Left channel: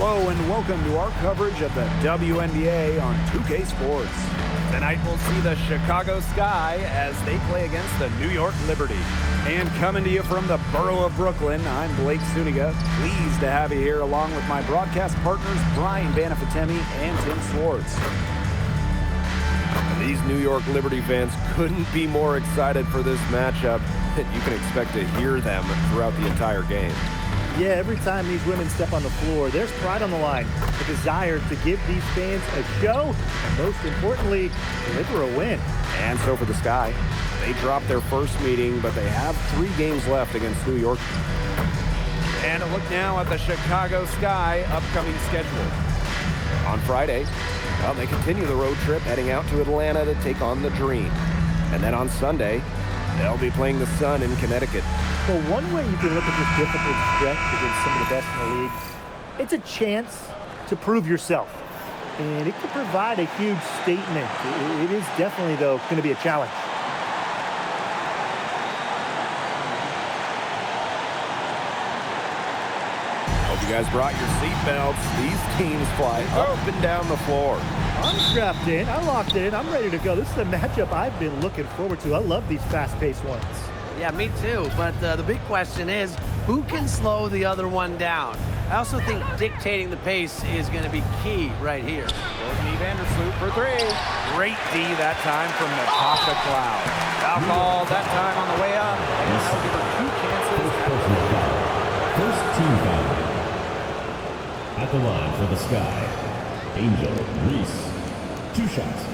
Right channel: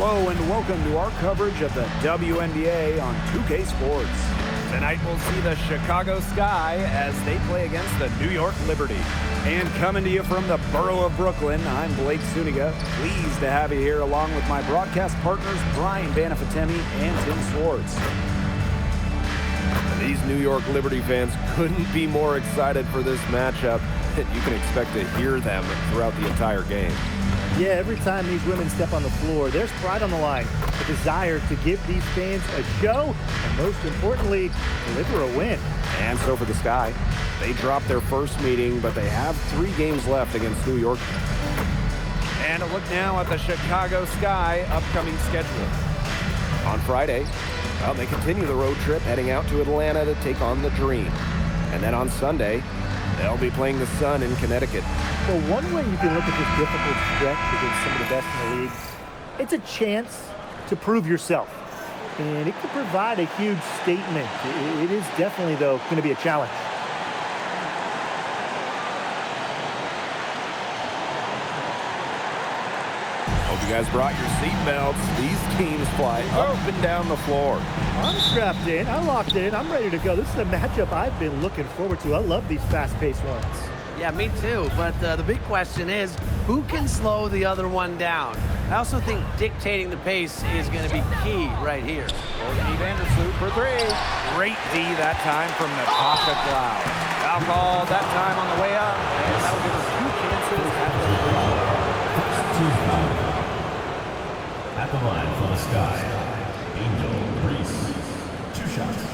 Hello and welcome to our coverage of the WNBA on 2K Sports. Tonight we'll see the Chicago Sky as they play against the New York Liberty. And coming to you from the borough of Brooklyn, I'm Blake Suniga. Pleased to have you here along with my broadcast partners Brian Banafitemi and Tim Swartz. These New York Liberty fans couldn't be more excited for this matchup. You can expect to hear them throughout the entire game. Yeah, every time these women step on the floor, there's pride on the line, a desire to give these fans a show, and most importantly, deliver a win. And so for the Sky, they dropped their first meeting, but they have 3 games left against New York. And a look now at the Chicago Sky upcoming schedule. On Friday, well, they continue the road trip heading out to Atlanta to take on the Dream. And then on Sunday, they'll be playing the Sun in Connecticut. Well, one way you can look at this difficult stretch against some of the best in the league, it's a chance to prove yourself. And it could provide a huge statement. It is definitely, though, going to be a challenge. Hope you guys brought your seatbelts. These teams fly up and down the floor. I'm strapped in. I locked it in. I'm ready to go. This is a matchup I've been looking forward to. I love these fast-paced ones. Yeah, me too. But the big question is, who can slow the other one down? I also think dictating the pace is going to be key right here. Courtney Vandersloot for 3. Great D that time from Natasha Cloud. Foul called that time on the way up, and that'll give her 2 chances at the free throw. First team foul. At the line for the Sky, Angel Reese. 2 shots.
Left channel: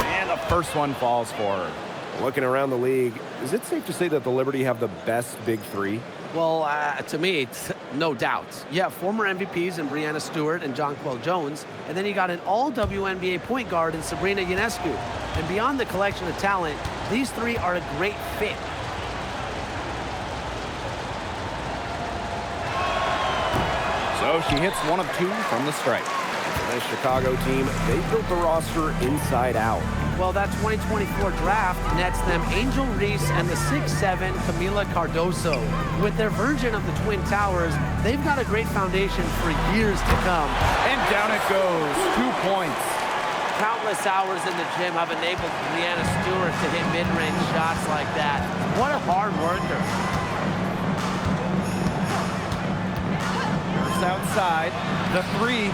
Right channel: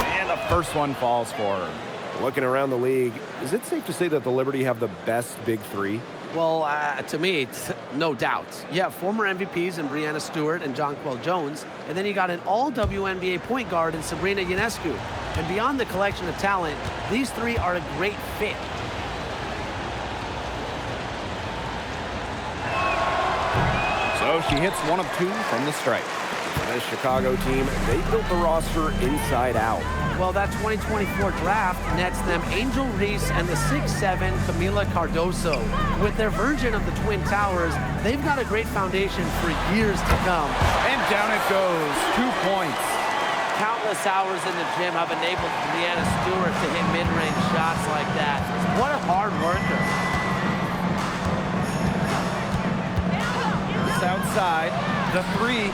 And the first one falls for her. Looking around the league, is it safe to say that the Liberty have the best big 3? Well, to me, it's no doubt. You have former MVPs in Breanna Stewart and Jonquel Jones, and then you got an all-WNBA point guard in Sabrina Ionescu. And beyond the collection of talent, these 3 are a great fit. So she hits 1 of 2 from the stripe. For this Chicago team, they built the roster inside out. Well, that 2024 draft nets them Angel Reese and the 6'7" Camila Cardoso. With their version of the Twin Towers, they've got a great foundation for years to come. And down it goes. 2 points. Countless hours in the gym have enabled Breanna Stewart to hit mid-range shots like that. What a hard worker. First outside. The 3.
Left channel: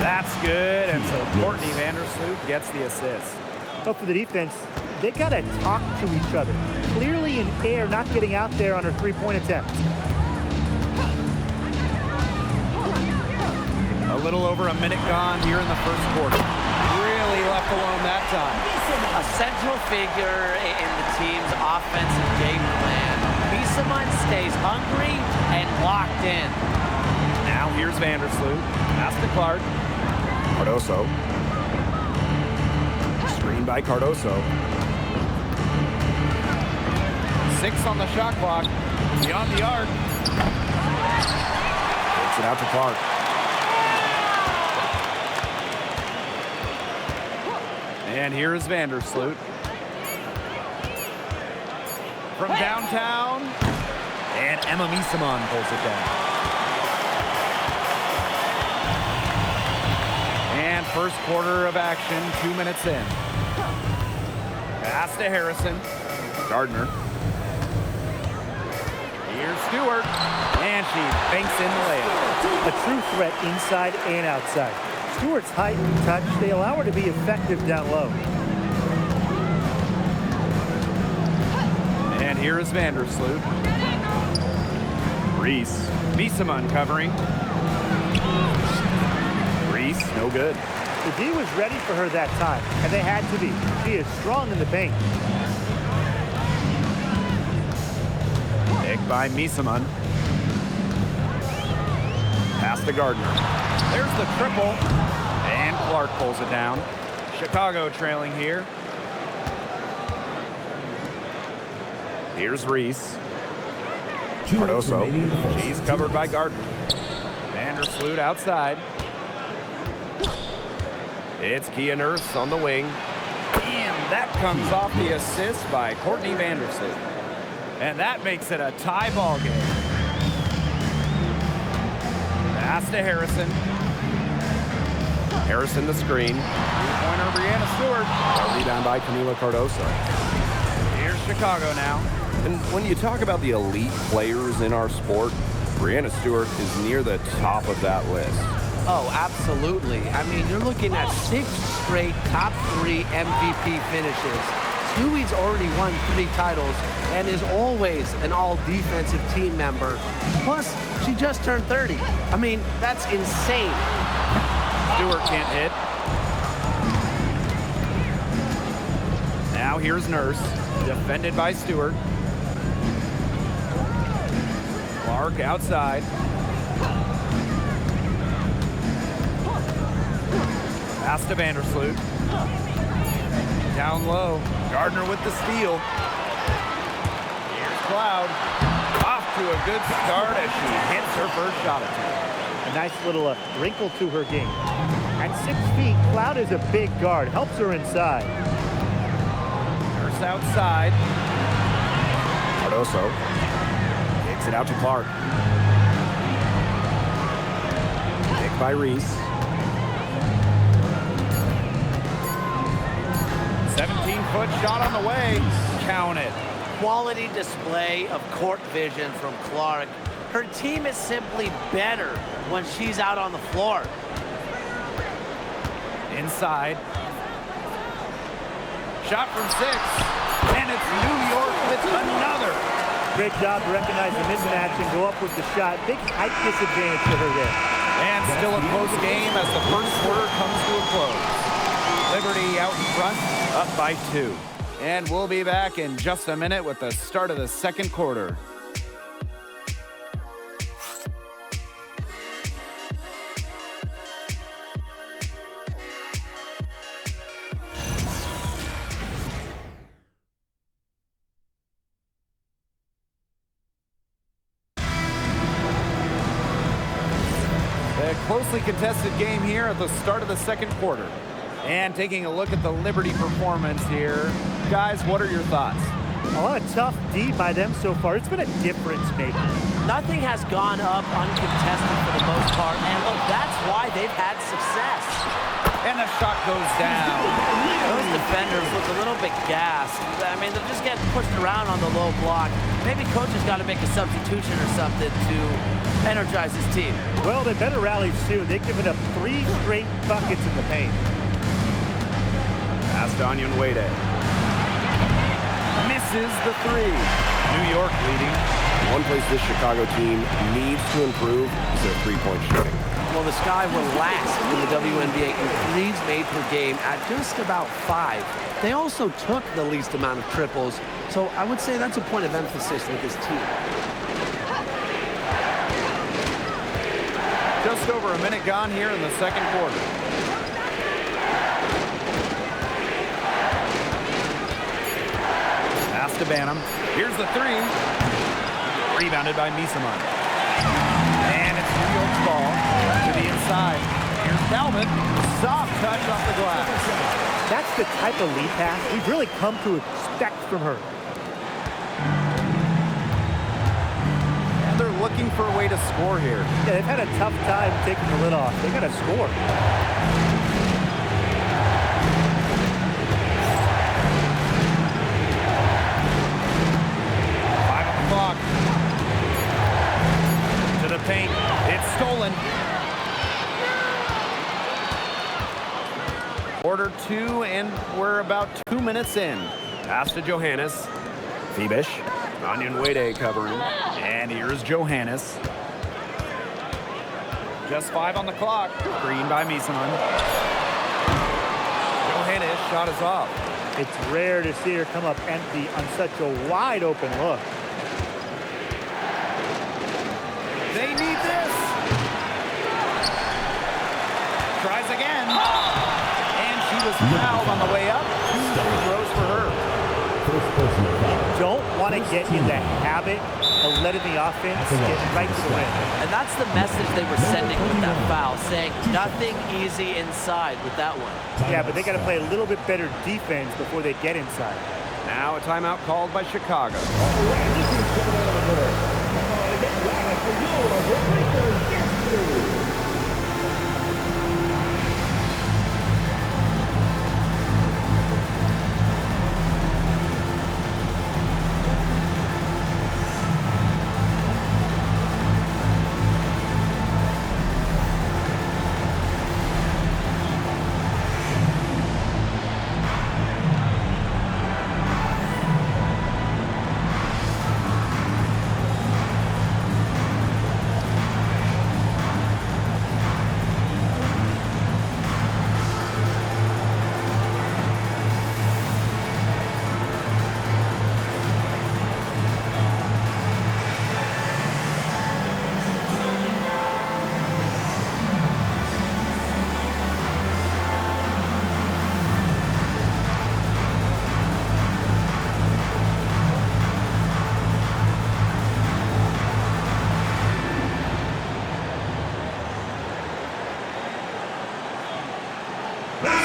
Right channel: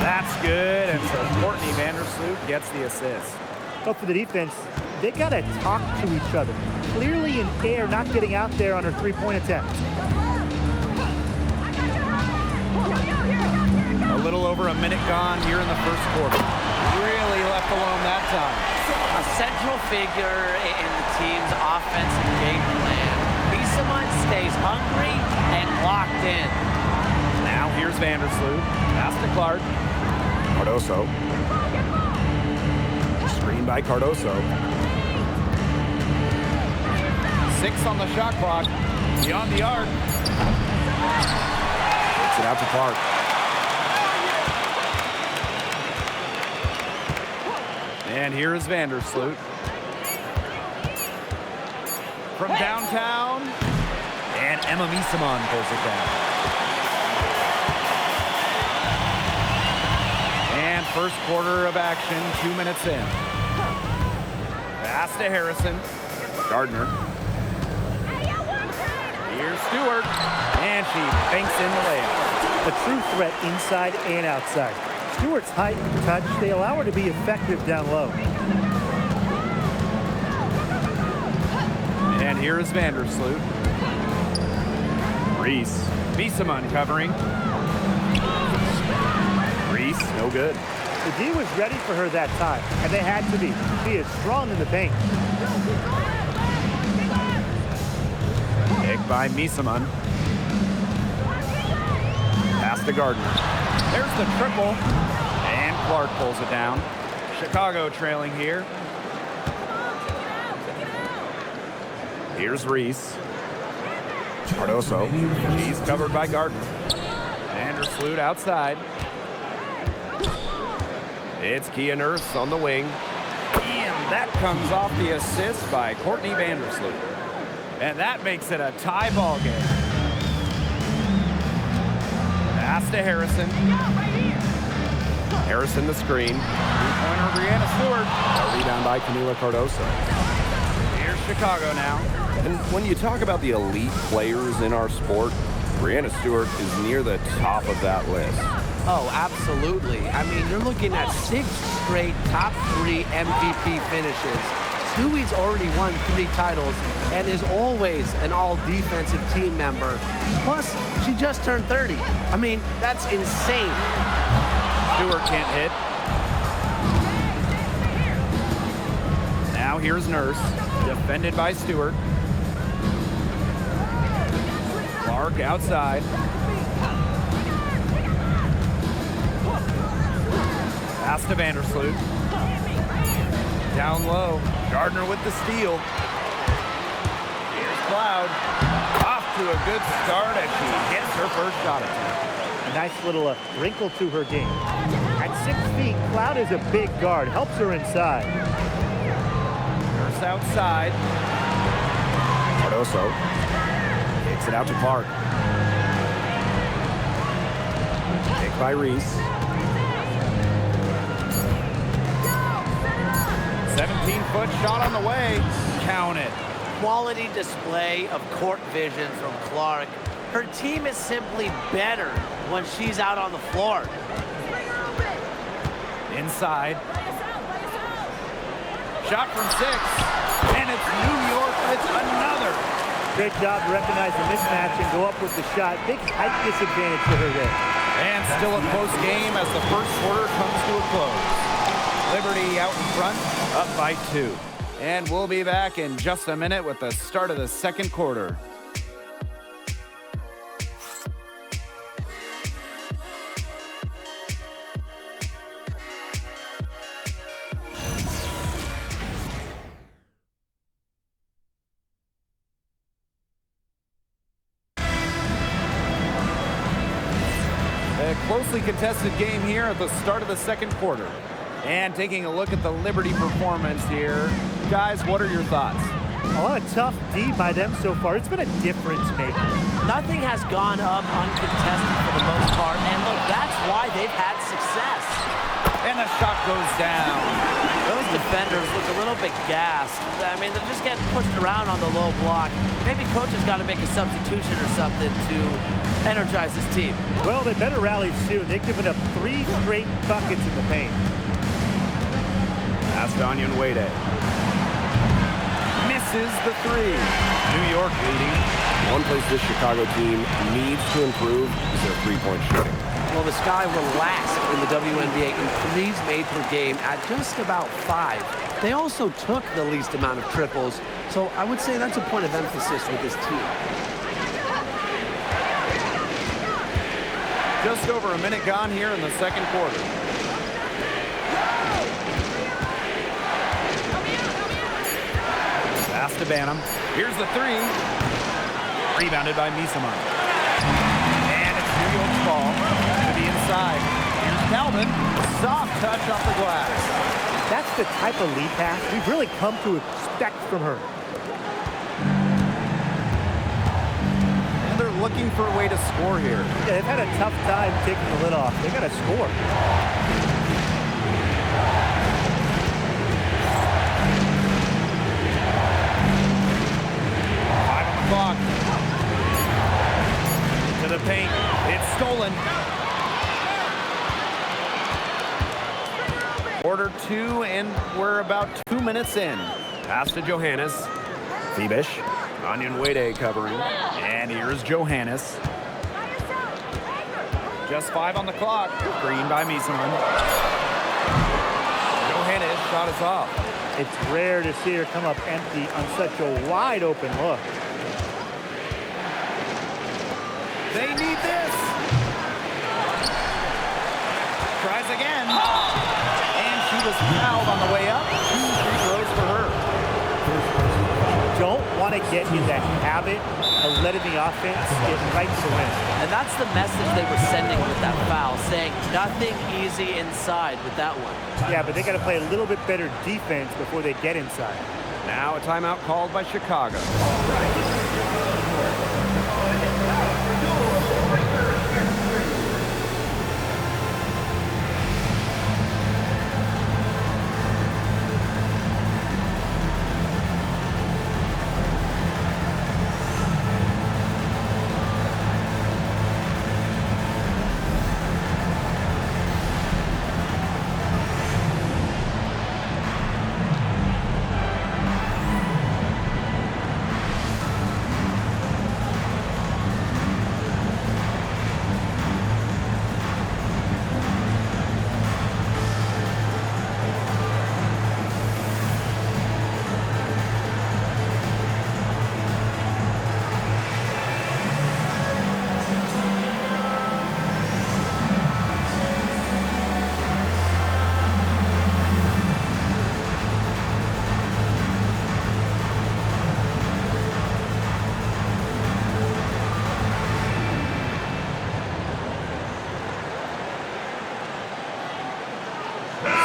That's good. And so Courtney Vandersloot gets the assist. But for the defense, they got to talk to each other. Clearly in air, not getting out there on her 3-point attempt. A little over a minute gone here in the first quarter. Really left alone that time. A central figure in the team's offensive game plan. Bissamon stays hungry and locked in. Now here's Vandersloot. Pass to Clark. Cardoso. Screen by Cardoso. 6 on the shot clock. Beyond the arc. Takes it out to Clark. And here is Vandersloot. From downtown. And Emma Bissamon pulls it down. And first quarter of action, 2 minutes in. Pass to Harrison. Gardner. Here's Stewart. And she banks in the layup. A true threat inside and outside. Stewart's height and touch, they allow her to be effective down low. And here is Vandersloot. Reese. Bissamon covering. Reese, no good. The D was ready for her that time, and they had to be. She is strong in the paint. Pick by Bissamon. Pass to Gardner. There's the triple. And Clark pulls it down. Chicago trailing here. Here's Reese. Cardoso. She's covered by Gardner. Vandersloot outside. It's Kia Nurse on the wing. And that comes off the assist by Courtney Vandersloot. And that makes it a tie ball game. Pass to Harrison. Harrison the screen. Three-pointer, Brianna Stewart. A rebound by Camila Cardoso. Here's Chicago now. And when you talk about the elite players in our sport, Brianna Stewart is near the top of that list. Oh, absolutely. I mean, you're looking at 6 straight top 3 MVP finishes. Stewie's already won 3 titles and is always an all-defensive team member. Plus, she just turned 30. I mean, that's insane. Stewart can't hit. Now here's Nurse, defended by Stewart. Clark outside. Pass to Vandersloot. Down low. Gardner with the steal. Here's Cloud. Off to a good start as she hits her first shot attempt. A nice little wrinkle to her game. At 6 feet, Cloud is a big guard. Helps her inside. Nurse outside. Cardoso kicks it out to Clark. Pick by Reese. 17-foot shot on the way. Count it. Quality display of court vision from Clark. Her team is simply better when she's out on the floor. Inside. Shot from 6. And it's New York with another. Great job to recognize the mismatch and go up with the shot. Big height disadvantage for her there. And still a close game as the first quarter comes to a close. Liberty out in front, up by 2. And we'll be back in just a minute with the start of the second quarter. A closely contested game here at the start of the second quarter. And taking a look at the Liberty performance here. Guys, what are your thoughts? A lot of tough D by them so far. It's been a difference maker. Nothing has gone up uncontested for the most part, and look, that's why they've had success. And the shot goes down. Those defenders look a little bit gassed. I mean, they're just getting pushed around on the low block. Maybe coach has got to make a substitution or something to energize his team. Well, they better rally soon. They've given up 3 straight buckets in the paint. Pass to Onyenwere. Misses the 3. New York leading. One place this Chicago team needs to improve is their three-point shooting. Well, the Sky were last in the WNBA in threes made per game at just about 5. They also took the least amount of triples, so I would say that's a point of emphasis with this team. Just over a minute gone here in the second quarter. Pass to Banham. Here's the 3. Rebounded by Misaman. And it's New York's ball to the inside. Here's Talbot. Soft touch off the glass. That's the type of lead pass we've really come to expect from her. And they're looking for a way to score here. Yeah, they've had a tough time taking the lid off. They got to score. Clock. To the paint. It's stolen. Quarter 2, and we're about 2 minutes in. Pass to Johannes. Phoebish. Onyenwere covering. And here's Johannes. Just 5 on the clock. Green by Misaman. Johannes shot is off. It's rare to see her come up empty on such a wide open look. They need this. Tries again. And she was fouled on the way up. 2 free throws for her. First personal foul. Don't want to get in the habit of letting the offense get right to the rim. And that's the message they were sending with that foul, saying nothing easy inside with that one. Yeah, but they got to play a little bit better defense before they get inside. Now a timeout called by Chicago.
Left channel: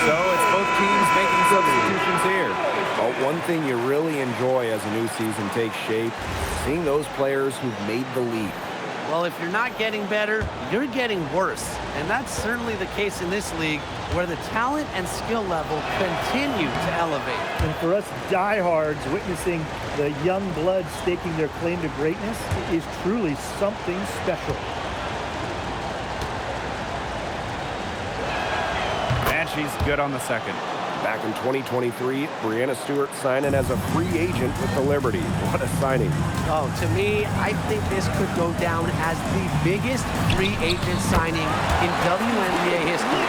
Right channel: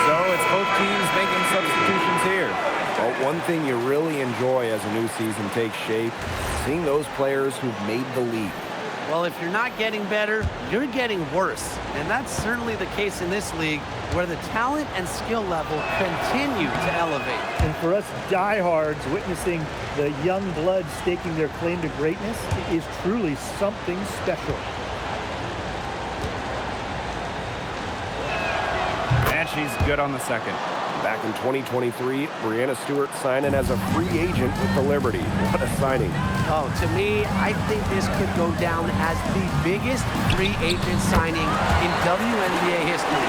So it's both teams making substitutions here. But one thing you really enjoy as a new season takes shape, seeing those players who've made the leap. Well, if you're not getting better, you're getting worse. And that's certainly the case in this league, where the talent and skill level continue to elevate. And for us diehards, witnessing the young blood staking their claim to greatness is truly something special. And she's good on the second. Back in 2023, Breanna Stewart signing as a free agent with the Liberty. What a signing. Oh, to me, I think this could go down as the biggest free agent signing in WNBA history.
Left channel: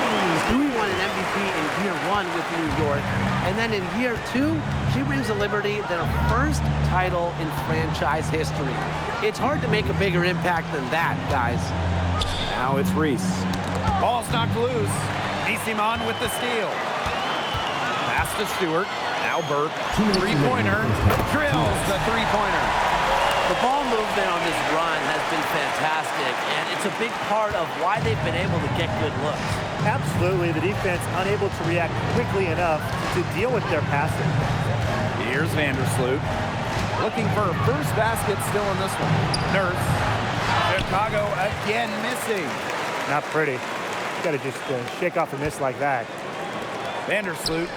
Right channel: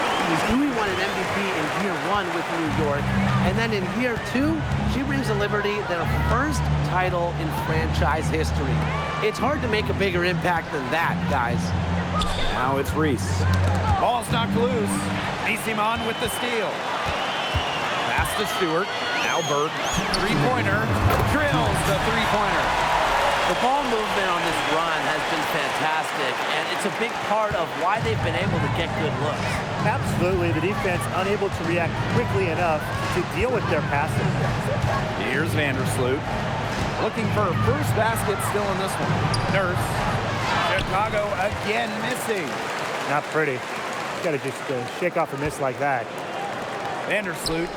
Stewie won an MVP in year 1 with New York, and then in year 2, she brings the Liberty their first title in franchise history. It's hard to make a bigger impact than that, guys. Now it's Reese. Ball's knocked loose. Nisimon with the steal. Pass to Stewart. Now Burke. Three-pointer. Drills the three-pointer. The ball movement on this run has been fantastic, and it's a big part of why they've been able to get good looks. Absolutely, the defense unable to react quickly enough to deal with their passing. Here's Vandersloot. Looking for her first basket still in this one. Nurse. Chicago again missing. Not pretty. Got to just shake off a miss like that. Vandersloot.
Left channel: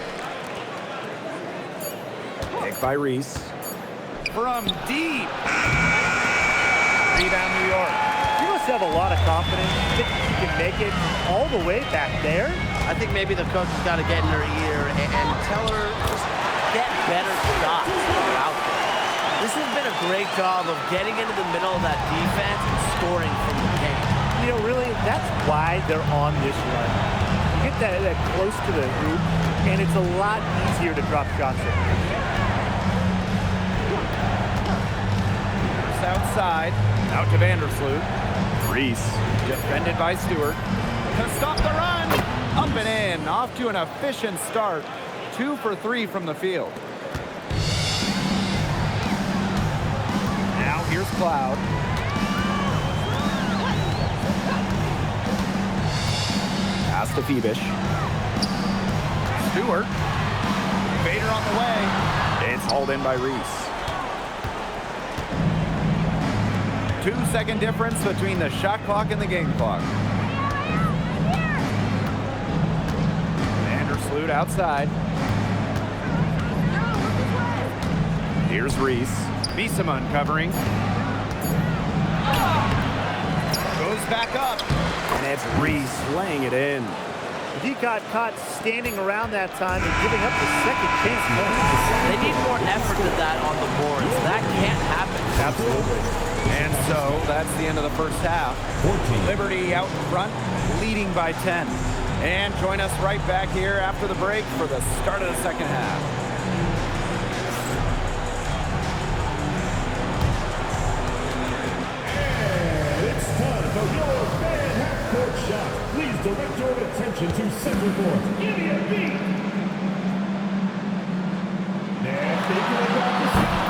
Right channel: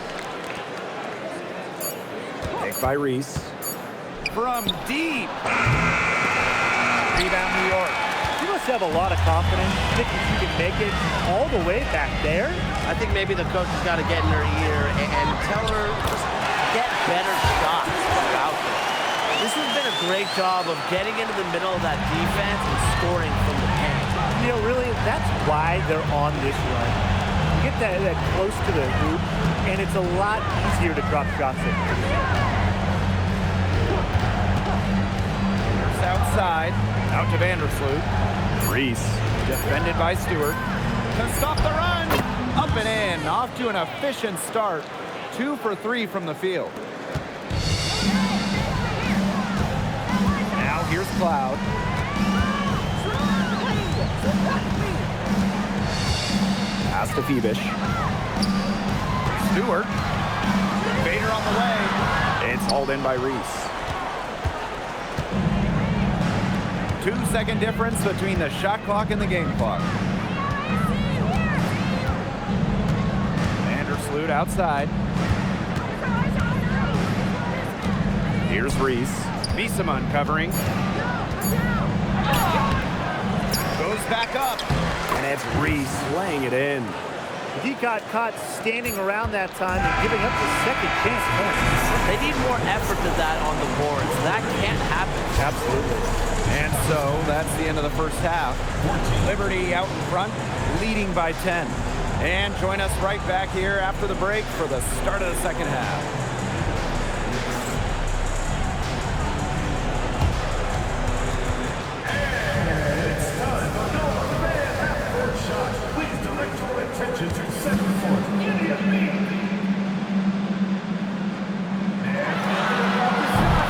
Picked by Reese. From deep. Rebound New York. She must have a lot of confidence, thinking she can make it all the way back there. I think maybe the coach has got to get in her ear and tell her just get better shots when you're out there. This has been a great job of getting into the middle of that defense and scoring from the paint. You know, really, that's why they're on this run. You get that close to the hoop, and it's a lot easier to drop shots in. Nurse outside. Out to Vandersloot. Reese. Defended by Stewart. To stop the run. Up and in. Off to an efficient start. 2 for 3 from the field. Now here's Cloud. Pass to Phoebish. Stewart. Vader on the way. It's hauled in by Reese. 2-second difference between the shot clock and the game clock. Vandersloot outside. Here's Reese. Nisimon covering. Goes back up. And it's Reese laying it in. The D got caught standing around that time and giving up the second chance points. They need more effort to that on the boards. That can't happen. Absolutely. And so that's the end of the first half. 14. Liberty out in front, leading by 10. And join us right back here after the break for the start of the second half. And it's time for your fan half-court shot. Please direct your attention to center court. Idiot beat. They're thinking about the shot.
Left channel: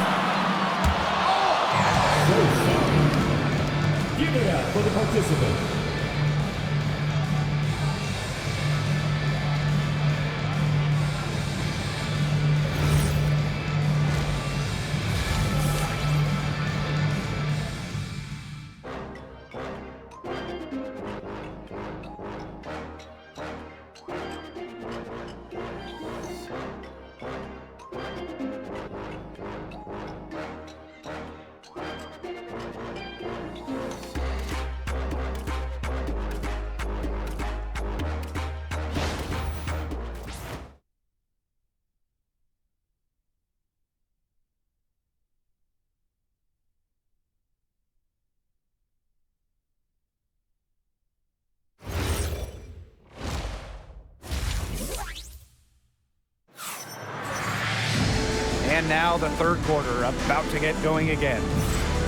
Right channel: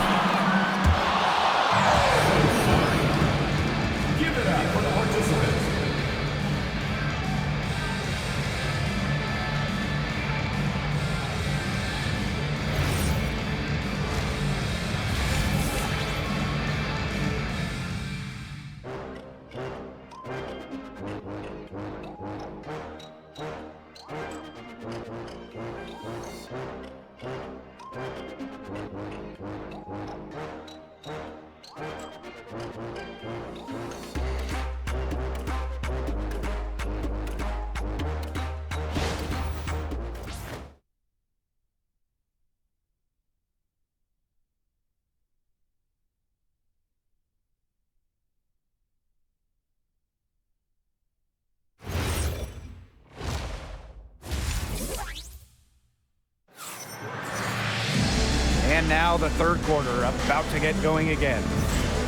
And now the third quarter about to get going again.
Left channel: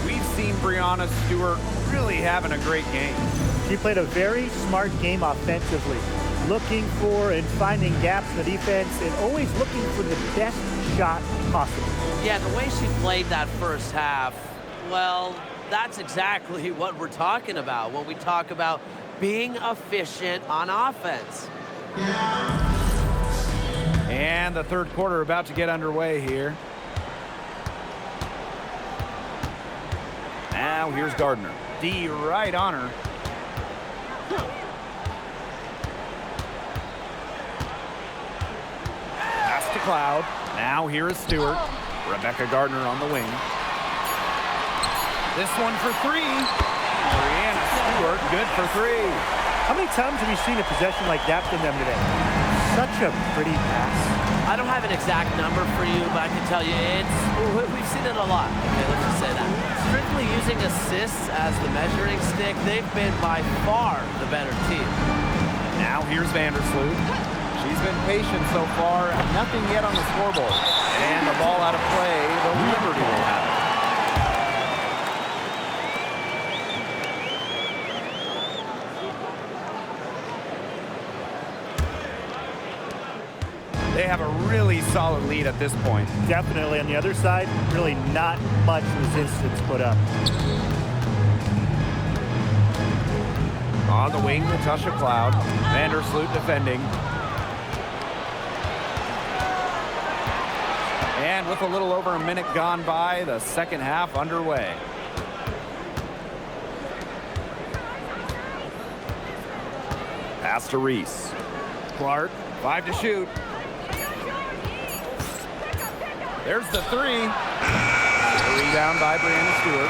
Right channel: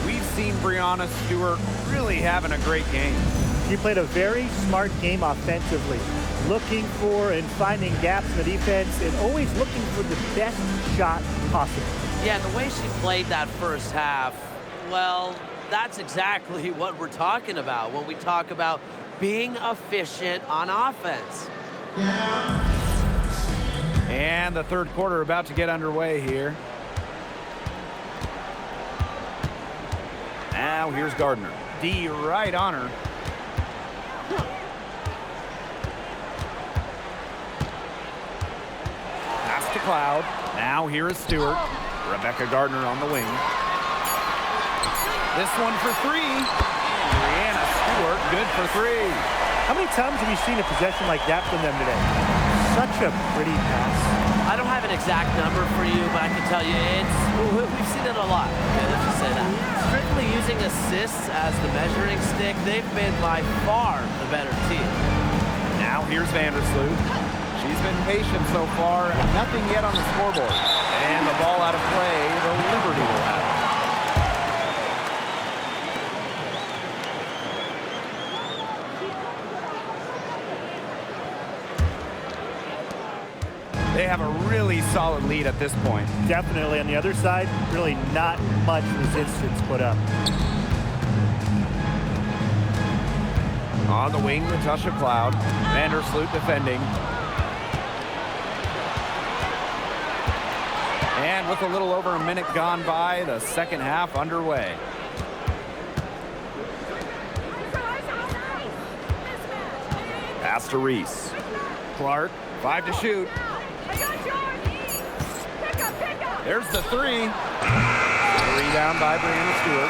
We've seen Breanna Stewart really having a great game. She played a very smart game offensively, looking for and finding gaps in the defense and always looking for the best shot possible. Yeah, the way she played that first half, well, that's exactly what we're talking about when we talk about being efficient on offense. And the third quarter about to get underway here. Now here's Gardner. D right on her. Pass to Cloud. Now here is Stewart. Rebecca Gardner on the wing. This one for three. And Breanna Stewart good for three. How many times have you seen a possession like that from them today? Such a pretty pass. I don't have an exact number for you, but I can tell you we've seen it a lot. Okay, let's just say that. Strictly using assists as the measuring stick, they've been by far the better team. Now here's Vandersloot. She's been patient so far, nothing yet on the scoreboard. And the ball out of play, the Liberty will have it. They have a really solid lead at this point. Definitely on the other side, really not much resistance put up. On the wing, Natasha Cloud. Vandersloot defending. And with a little over a minute gone by, the second half underway. Pass to Reese. Clark, 5 to shoot. There's the three. The rebound by Breanna Stewart.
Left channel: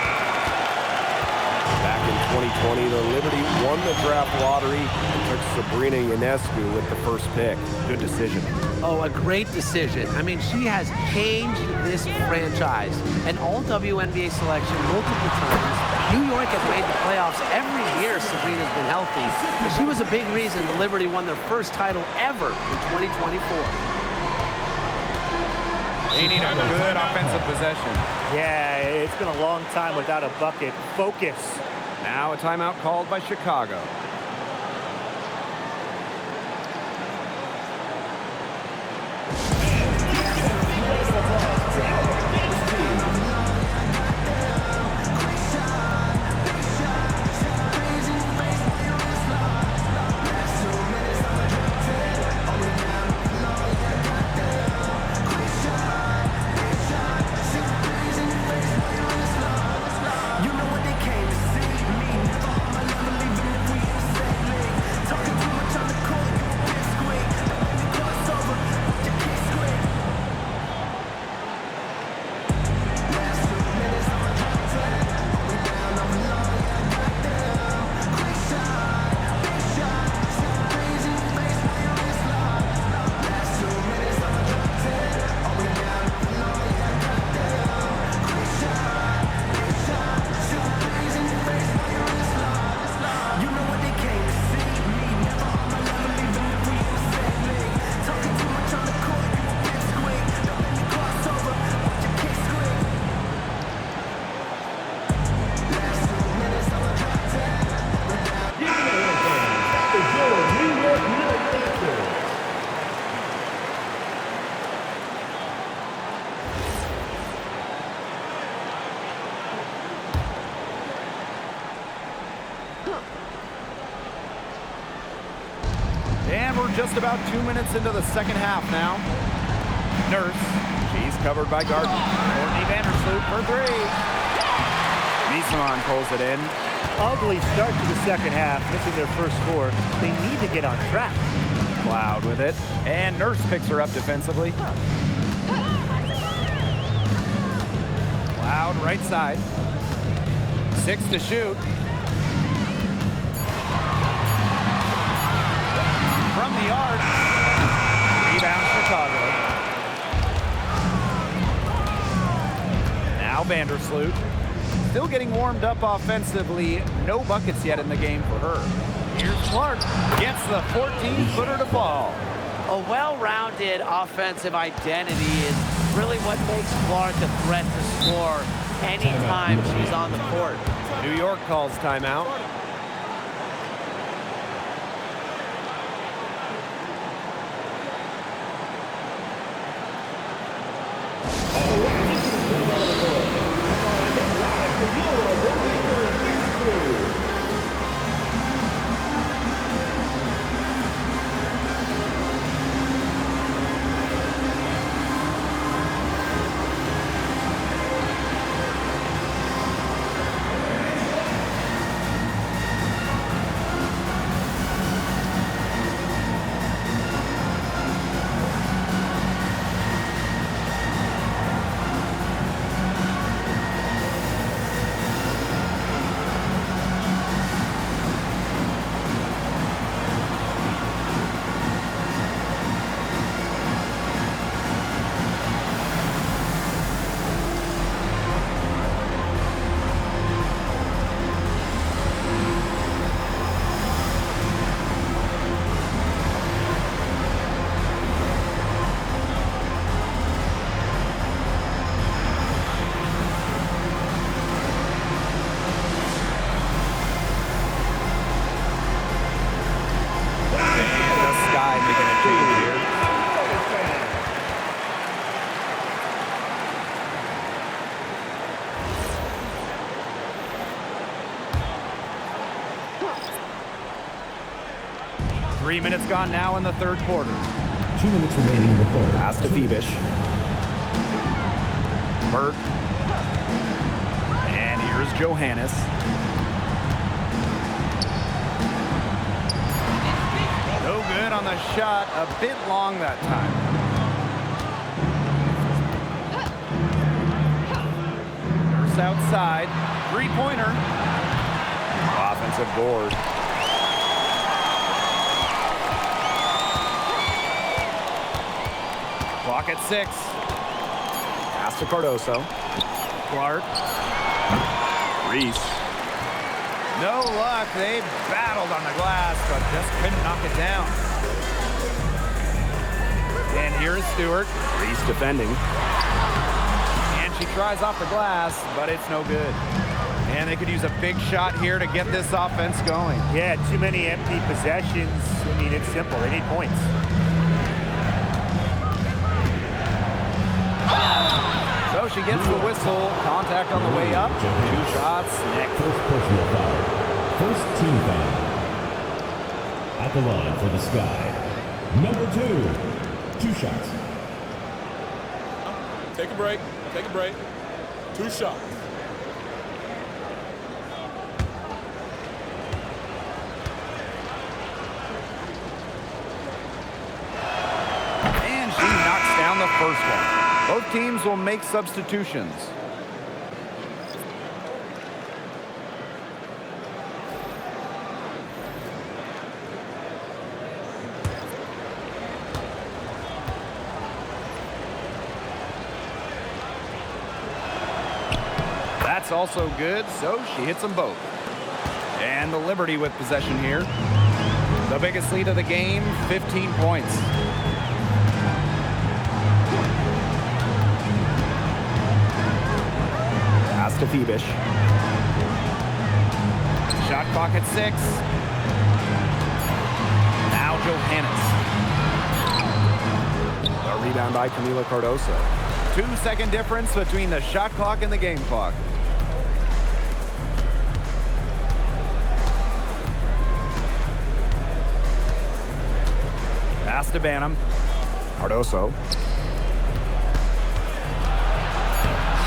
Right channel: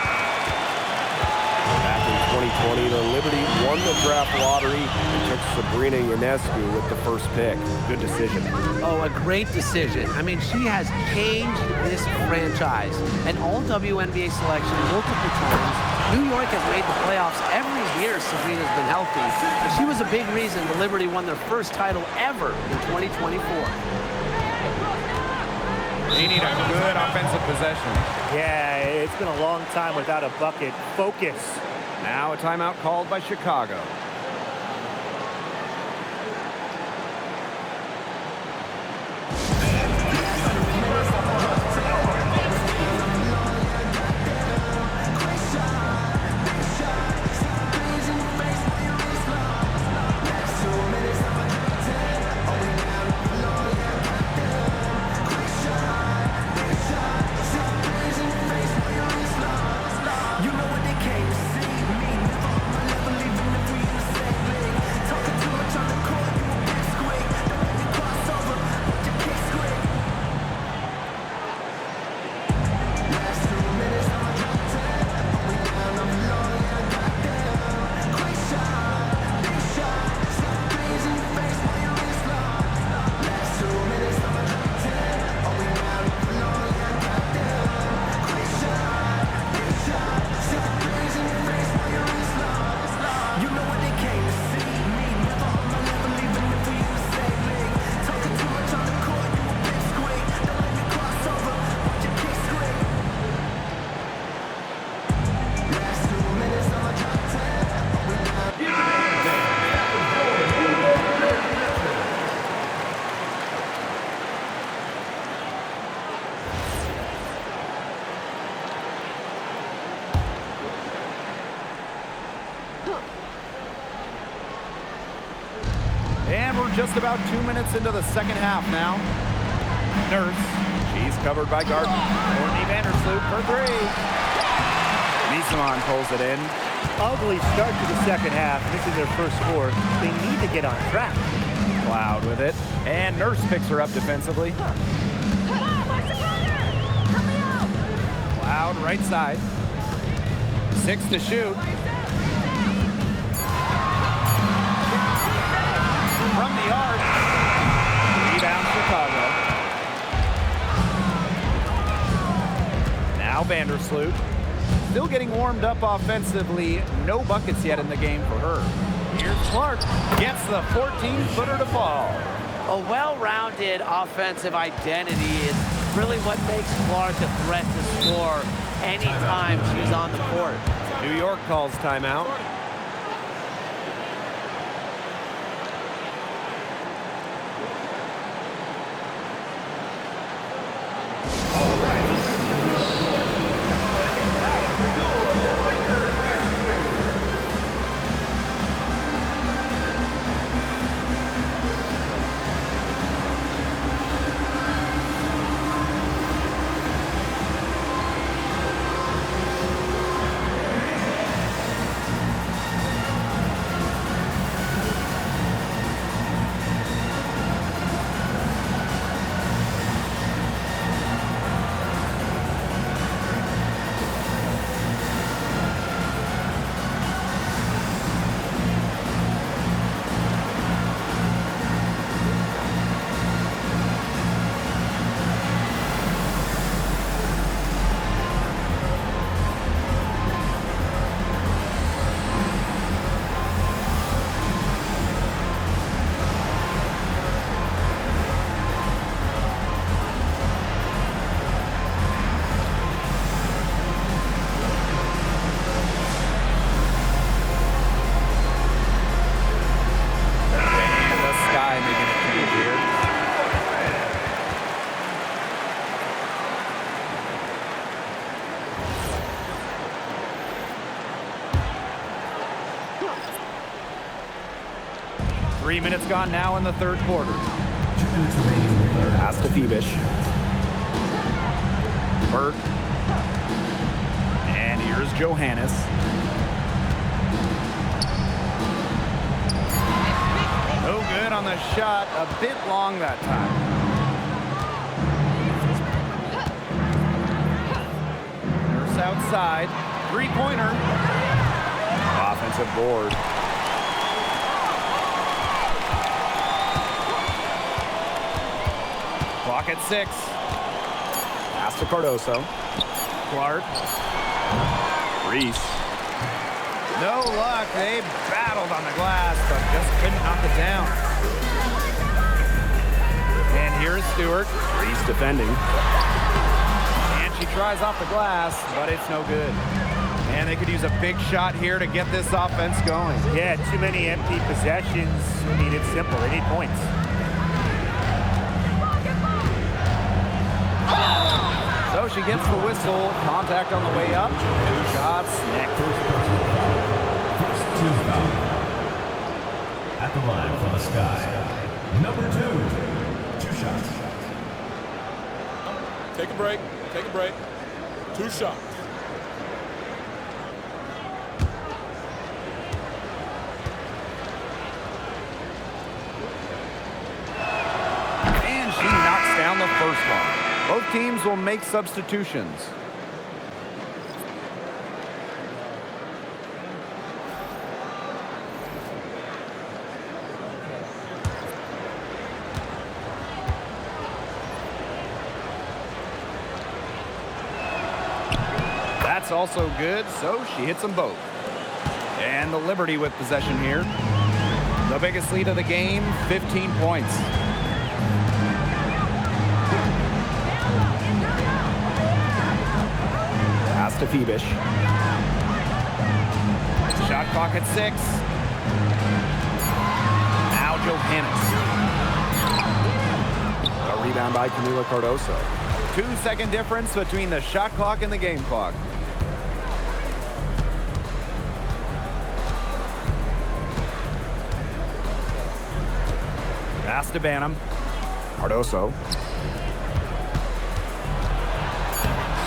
Back in 2020, the Liberty won the draft lottery and took Sabrina Ionescu with the first pick. Good decision. Oh, a great decision. I mean, she has changed this franchise. An all-WNBA selection multiple times. New York has made the playoffs every year Sabrina's been healthy. And she was a big reason the Liberty won their first title ever in 2024. They need a good offensive possession. Yeah, it's been a long time without a bucket. Focus. Now a timeout called by Chicago. And we're just about 2 minutes into the second half now. Nurse, she's covered by Gardner. Courtney Vandersloot for three. Misamon pulls it in. Ugly start to the second half, missing their first four. They need to get on track. Cloud with it. And Nurse picks her up defensively. Cloud right side. 6 to shoot. From the arc. Rebound Chicago. Now Vandersloot. Still getting warmed up offensively. No buckets yet in the game for her. Here's Clark. Gets the 14-footer to fall. A well-rounded offensive identity is really what makes Clark a threat to score anytime she's on the court. New York calls timeout. Making a change here. Three minutes gone now in the third quarter. 2 minutes remaining in the third. Pass to Phoebish. Burke. And here's Johannes. No good on the shot. A bit long that time. Nurse outside. Three-pointer. Offensive board. Clock at 6. Pass to Cardoso. Clark. Reese. No luck. They battled on the glass, but just couldn't knock it down. And here is Stewart. Reese defending. And she tries off the glass, but it's no good. And they could use a big shot here to get this offense going. Yeah, too many empty possessions. I mean, it's simple. They need points. So she gets the whistle. Contact on the way up. 2 shots next. First personal foul. First team foul. At the line for the Sky. Number 2. 2 shots. Take a break. Take a break. 2 shots. And she knocks down the first one. Both teams will make substitutions. That's also good, so she hits them both. And the Liberty with possession here. The biggest lead of the game, 15 points. Pass to Phoebish. Shot clock at 6. Now Johannes. A rebound by Camila Cardoso. 2-second difference between the shot clock and the game clock. Pass to Banham. Cardoso.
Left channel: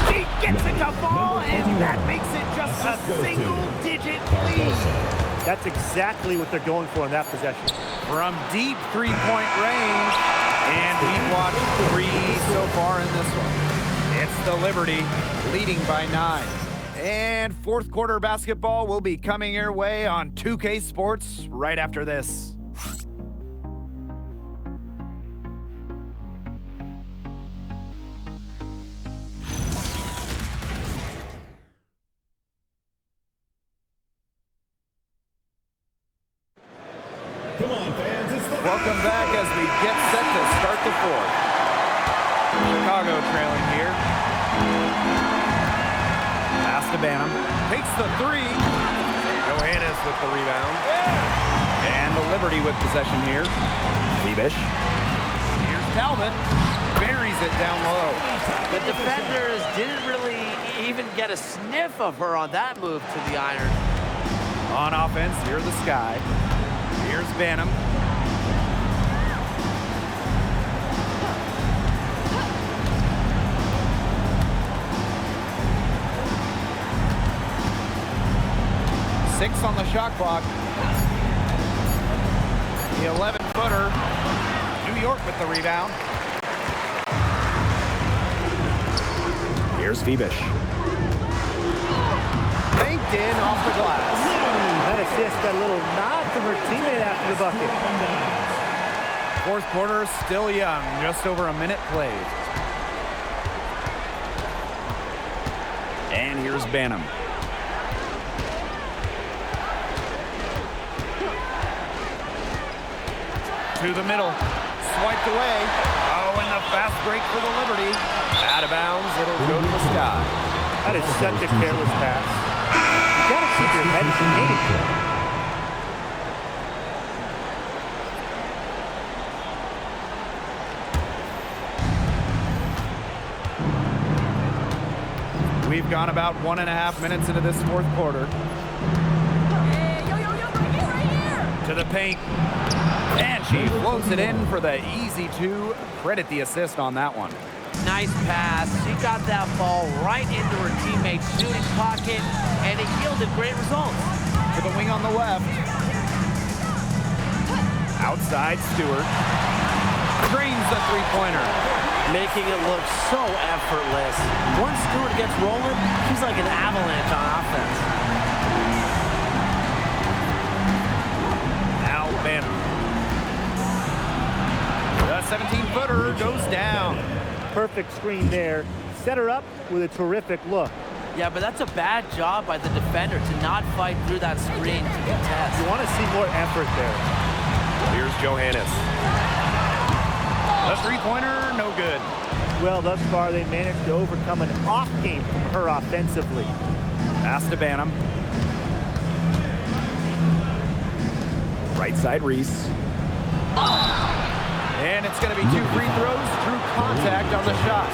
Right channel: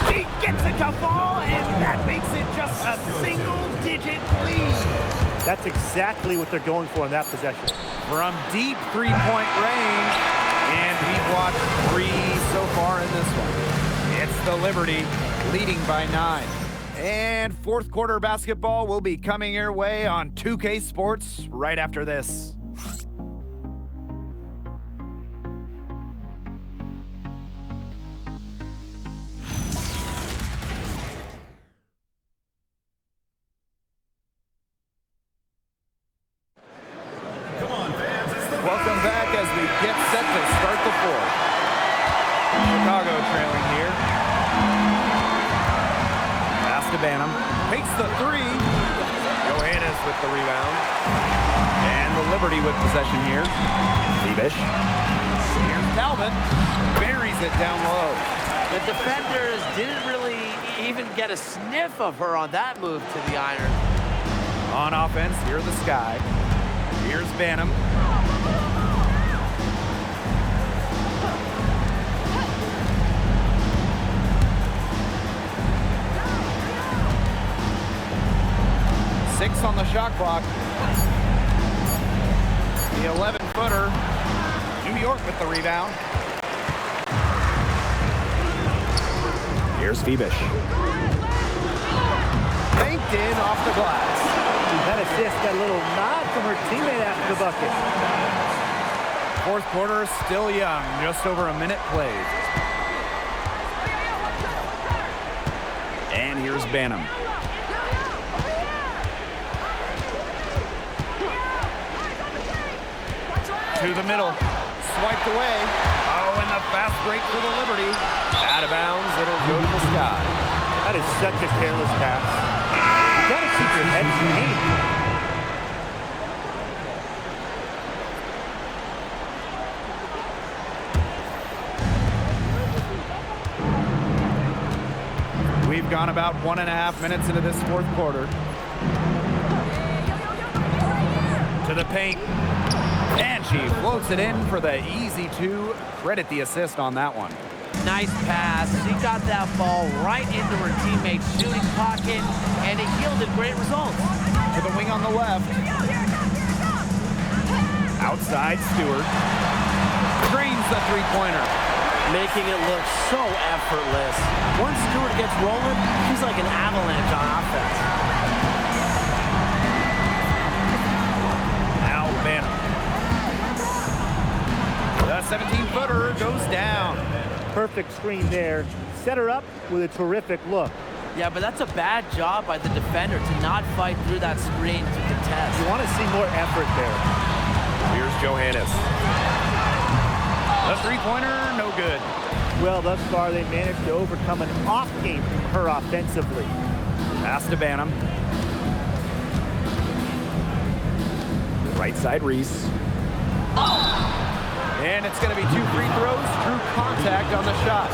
She gets it to fall, and that makes it just a single-digit lead. That's exactly what they're going for in that possession. From deep three-point range, and we've watched 3 so far in this one. It's the Liberty leading by 9. And fourth quarter basketball will be coming your way on 2K Sports right after this. Welcome back as we get set to start the fourth. Chicago trailing here. Pass to Banham. Takes the three. Johannes with the rebound. And the Liberty with possession here. Febish. Here's Talbot. Buries it down low. The defenders didn't really even get a sniff of her on that move to the iron. On offense, here's the Sky. Here's Banham. Six on the shot clock. The 11-footer. New York with the rebound. Here's Febish. Banked in off the glass. That assist got a little nod from her teammate after the bucket. Fourth quarter still young, just over a minute played. And here's Banham. To the middle, swiped away. Oh, and the fast break for the Liberty. Out of bounds, it'll go to the Sky. That is such a careless pass. You gotta keep your head in. We've gone about 1.5 minutes into this fourth quarter. To the paint. And she floats it in for the easy two. Credit the assist on that one. Nice pass. She got that ball right into her teammate's shooting pocket, and it yielded great results. To the wing on the left. Outside Stewart. Drains the three-pointer. Making it look so effortless. Once Stewart gets rolling, she's like an avalanche on offense. Now Banham. The 17-footer goes down. Perfect screen there. Set her up with a terrific look. Yeah, but that's a bad job by the defender to not fight through that screen to contest. You want to see more effort there. Here's Johannes. The three-pointer, no good. Well, thus far, they managed to overcome an off game from her offensively. Pass to Banham. Right side Reese. And it's going to be 2 free throws. Drew contact on the shot.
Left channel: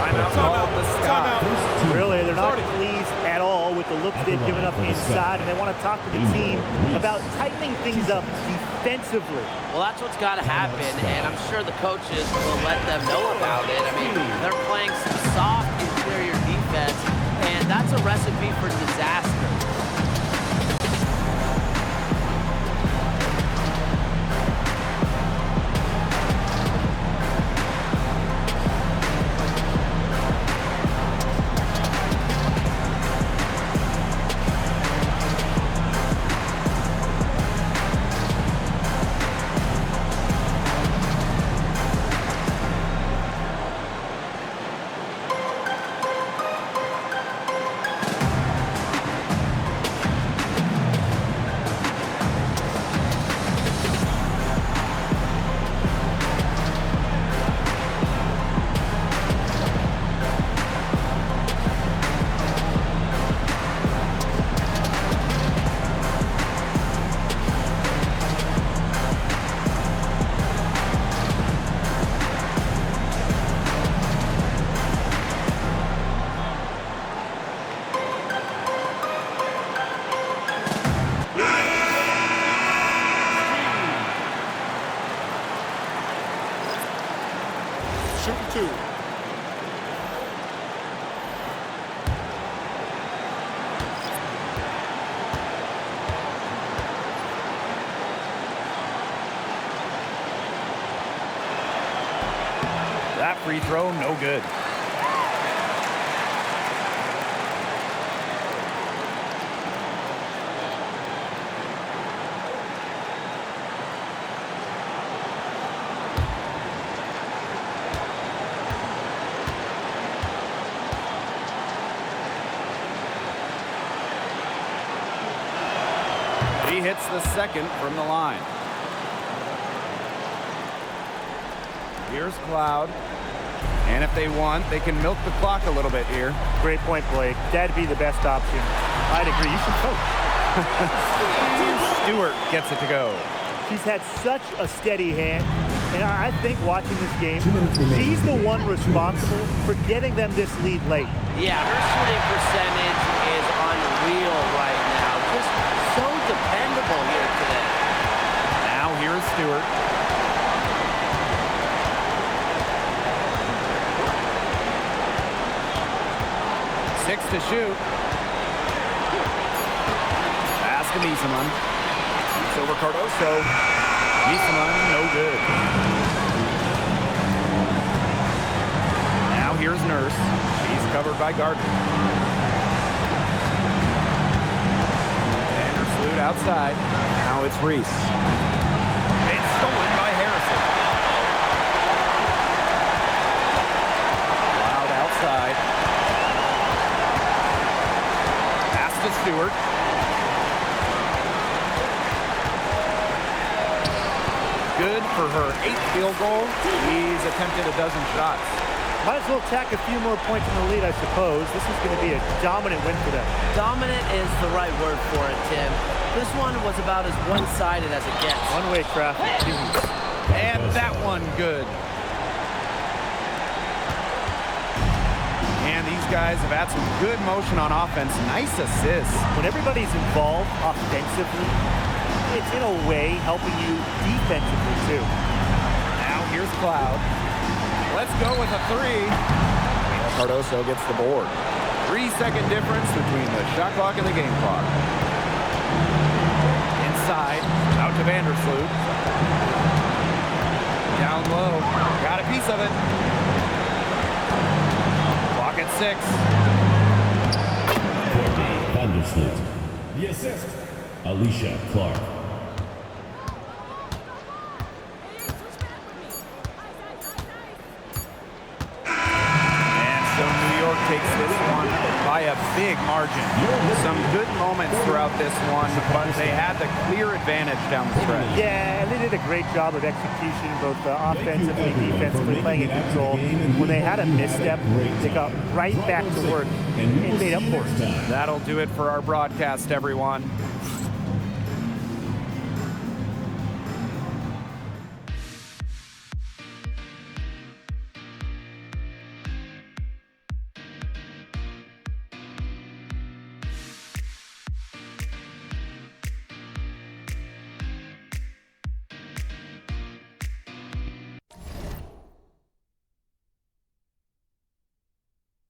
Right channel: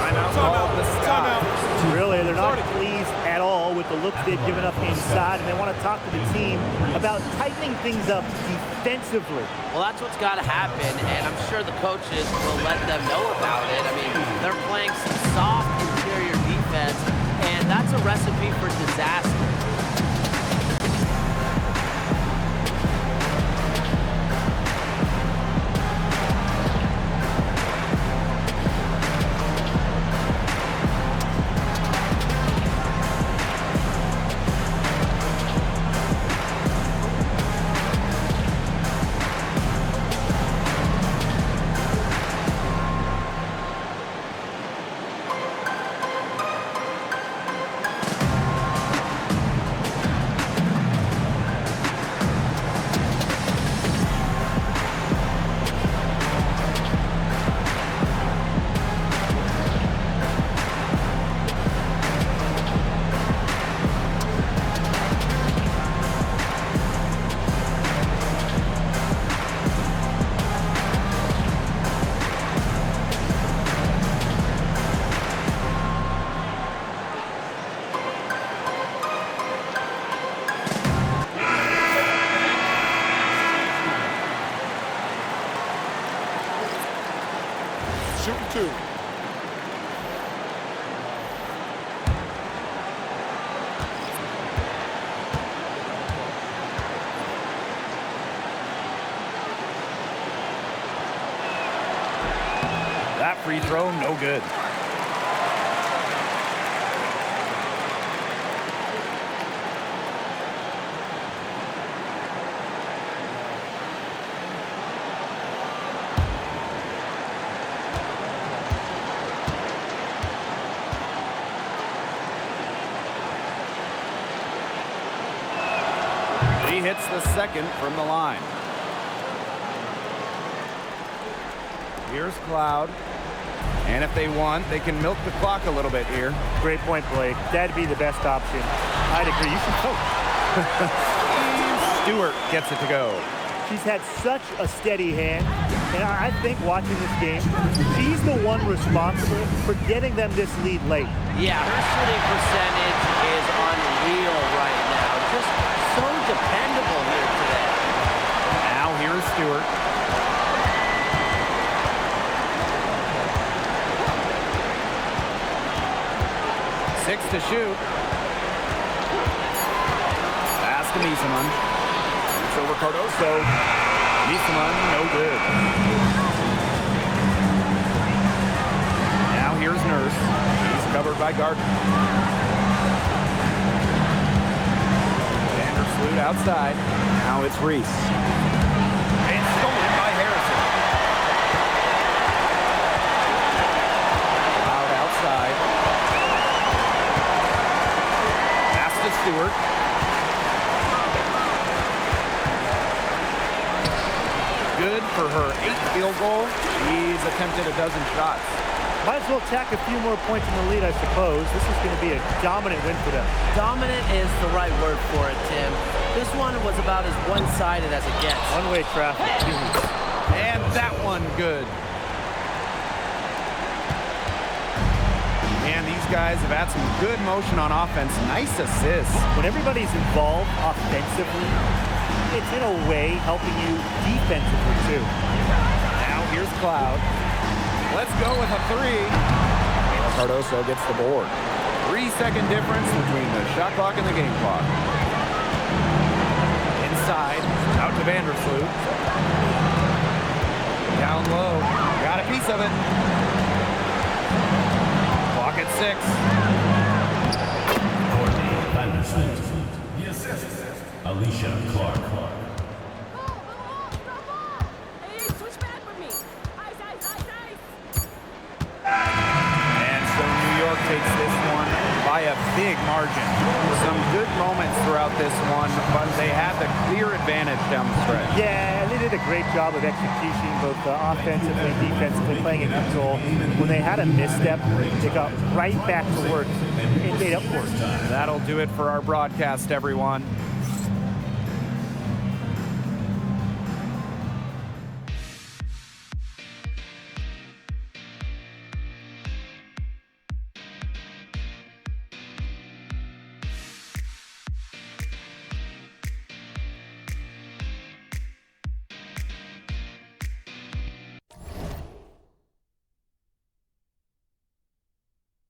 Timeout called the Sky. Really, they're not pleased at all with the looks they've given up inside, and they want to talk to the team about tightening things up defensively. Well, that's what's got to happen, and I'm sure the coaches will let them know about it. I mean, they're playing some soft interior defense, and that's a recipe for disaster. Shooting 2. That free throw, no good. He hits the second from the line. Here's Cloud. And if they want, they can milk the clock a little bit here. Great point, Blake. That'd be the best option. I'd agree. You should coach. Stewart gets it to go. She's had such a steady hand, and I think watching this game, she's the one responsible for getting them this lead late. Yeah, her shooting percentage is unreal right now. Just so dependable here today. Now here's Stewart. Six to shoot. Pass to Miesemann. Shoots over Cardoso. Miesemann, no good. Now here's Nurse. She's covered by Gardner. Vandersloot outside. Now it's Reese. It's stolen by Harrison. Loud outside. Pass to Stewart. Good for her 8th field goal. She's attempted a dozen shots. Might as well tack a few more points in the lead, I suppose. This is going to be a dominant win for them. Dominant is the right word for it, Tim. This one was about as one-sided as it gets. One-way traffic. Jeez. And that one good. And these guys have had some good motion on offense. Nice assists. When everybody's involved offensively, it's in a way helping you defensively too. Now here's Cloud. Let's go with a 3. Mila Cardoso gets the board. 3-second difference between the shot clock and the game clock. Inside, out to Vandersloot. Down low, got a piece of it. Clock at 6. Vandersloot. The assist, Alicia Clark. And so New York takes this one by a big margin. Some good moments throughout this one, but they had the clear advantage down the stretch. Yeah, they did a great job of execution, both offensively, defensively, playing in control. When they had a misstep, they got right back to work and made up for it. That'll do it for our broadcast, everyone.